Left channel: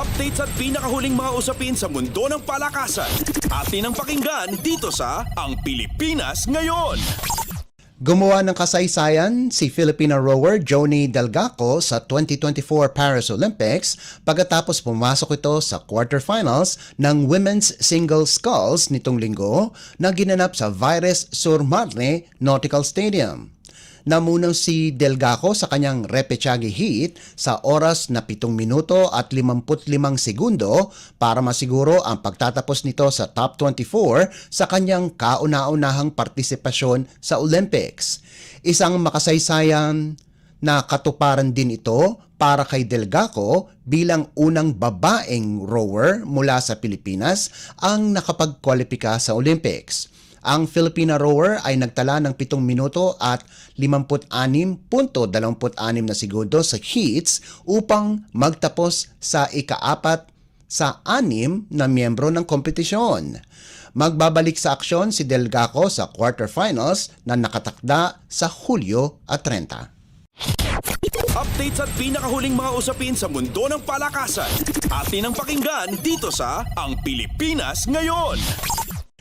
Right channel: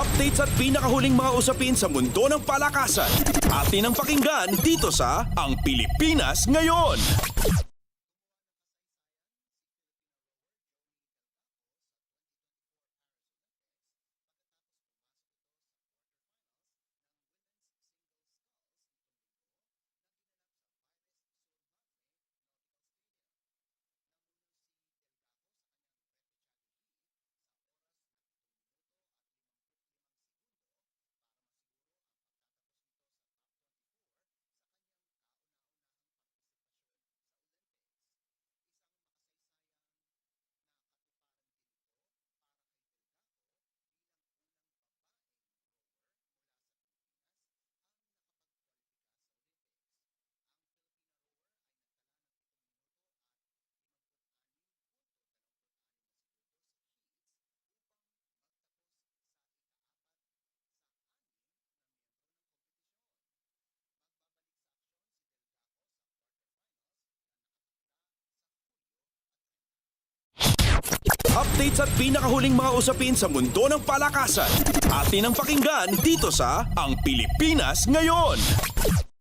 Updates at pinakahuling mga usapin sa mundo ng palakasan. Atin ang pakinggan dito sa Ang Pilipinas Ngayon. Gumawa ng kasaysayan si Filipina rower Johnny Delgaco sa 2024 Paris Olympics pagkatapos pumasok ito sa quarterfinals ng Women's Single Sculls nitong linggo na ginanap sa Vires sur Marne Nautical Stadium. Namunaw si Delgaco sa kanyang repechage heat sa oras na 7 minuto at 55 segundo para masiguro ang pagtatapos nito sa top 24 sa kanyang kauna-unahang partisipasyon sa Olympics. Isang makasaysayan na katuparan din ito para kay Delgaco bilang unang babaeng rower mula sa Pilipinas ang nakapagkwalipika sa Olympics. Ang Filipina rower ay nagtala ng 7 minuto at 56.26 na segundo sa heats upang magtapos sa ika-4 sa 6 na miyembro ng kompetisyon. Magbabalik sa aksyon si Delgaco sa quarterfinals na nakatakda sa Hulyo at 30. Updates at pinakahuling mga usapin sa mundo ng palakasan. Atin ang pakinggan dito sa Ang Pilipinas Ngayon.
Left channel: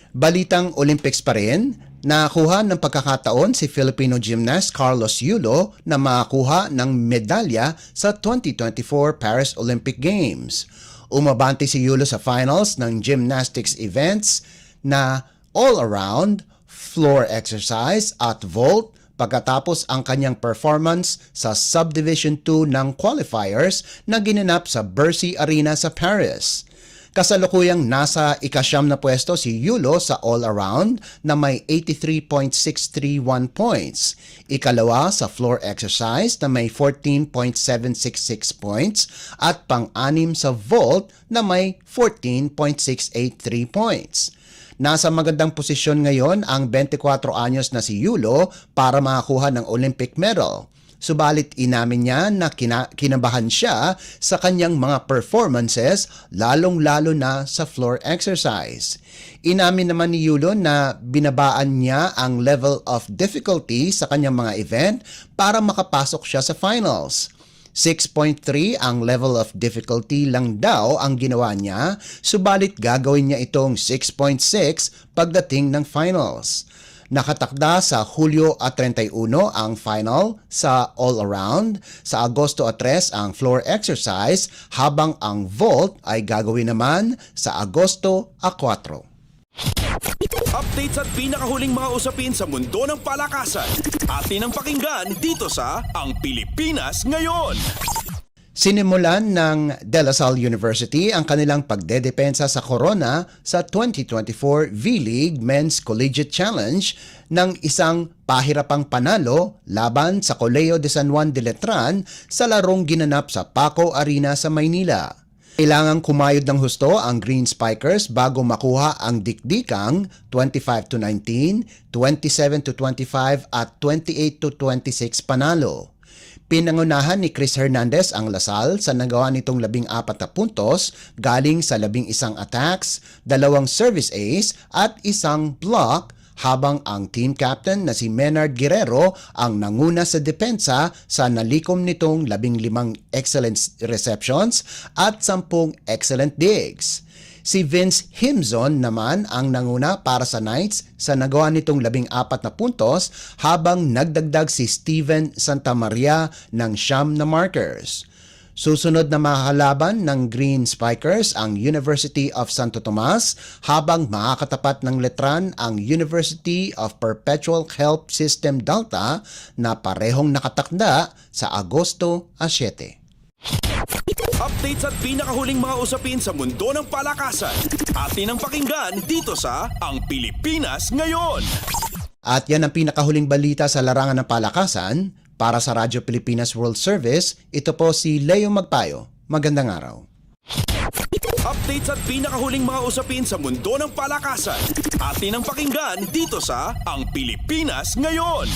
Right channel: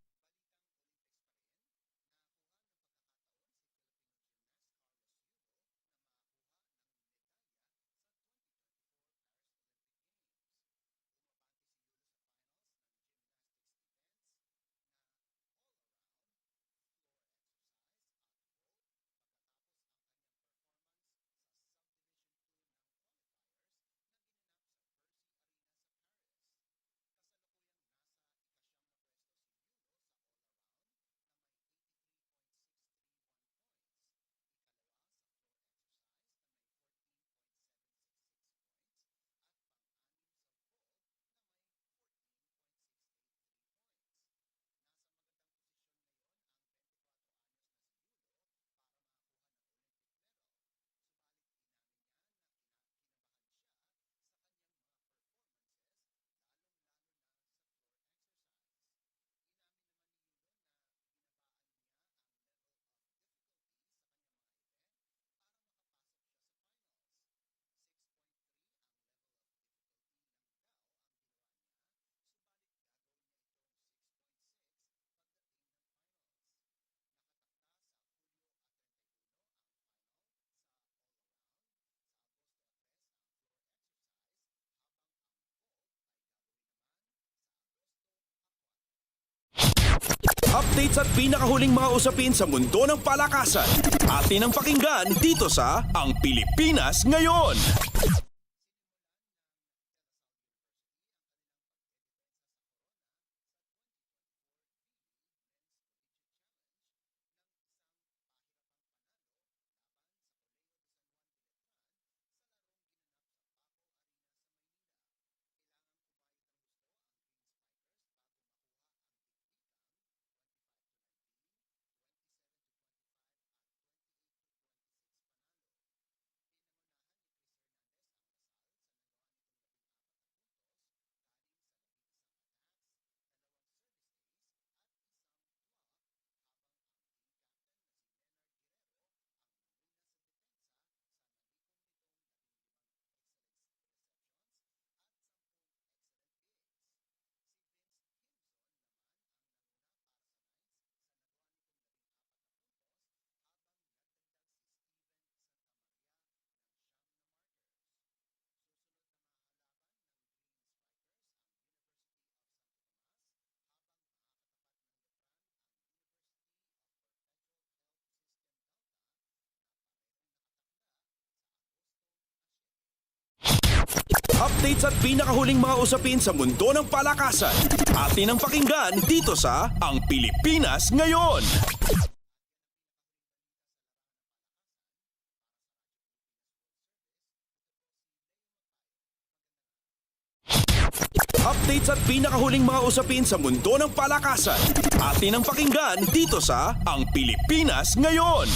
Balitang Olympics pa rin, nakakuha ng pagkakataon si Filipino gymnast Carlos Yulo na makakuha ng medalya sa 2024 Paris Olympic Games. Umabante si Yulo sa finals ng gymnastics events na all-around, floor exercise at vault pagkatapos ang kanyang performance sa Subdivision 2 ng qualifiers na ginanap sa Bercy Arena sa Paris. Kasalukuyang nasa ika-9 na pwesto si Yulo sa all-around na may 83.631 points. Ikalawa sa floor exercise na may 14.766 points at pang-anim sa vault na may 14.683 points. Nasa magandang posisyon ngayon ang 24 anyos na si Yulo para makakuha ng Olympic medal. Subalit inamin niya na kinabahan siya sa kanyang mga performances lalong-lalo na sa floor exercise. Inamin naman ni Yulo na binabaan niya ang level of difficulty sa kanyang mga event para makapasok siya sa finals. 6.3 ang level of difficulty lang daw ang ginawa niya, subalit gagawin niya itong 6.6 pagdating ng finals. Nakatakda sa Hulyo at 31 ang final sa all-around, sa Agosto at 3 ang floor exercise, habang ang vault ay gagawin naman sa Agosto at 4. Updates at pinakahuling mga usapin sa mundo ng palakasan. Atin ang pakinggan dito sa Ang Pilipinas Ngayon. Sinimulan ng De La Salle University ang kanilang pagdedepensa sa corona sa 2024 V-League Men's Collegiate Challenge ng isang pahirapang panalo laban sa Colegio de San Juan de Letran sa larong ginanap sa Paco Arena sa Maynila. Kailangang kumayod ng husto ang Green Spikers bago makuha ang dikdikang 25-19, 27-25 at 28-26 panalo. Pinangunahan ni Chris Hernandez ang Lasal sa nagawa nitong 14 na puntos galing sa 11 attacks, 2 service ace at 1 block, habang ang team captain na si Menard Guerrero ang nanguna sa depensa sa nalikom nitong 15 excellent receptions at 10 excellent digs. Si Vince Himzon naman ang nanguna para sa Knights sa nagawa nitong 14 na puntos, habang nagdagdag si Steven Santamaria ng 9 na markers. Susunod na makakalaban ng Green Spikers ang University of Santo Tomas, habang makakatapat ng Letran ang University of Perpetual Help System Delta na parehong nakatakda sa Agosto at 7. Updates at pinakahuling mga usapin sa mundo ng palakasan. Atin ang pakinggan dito sa Ang Pilipinas Ngayon. At yan ang pinakahuling balita sa larangan ng palakasan. Para sa Radyo Pilipinas World Service, ito po si Leo Magpayo. Magandang araw. Updates at pinakahuling mga usapin sa mundo ng palakasan. Atin ang pakinggan dito sa Ang Pilipinas Ngayon.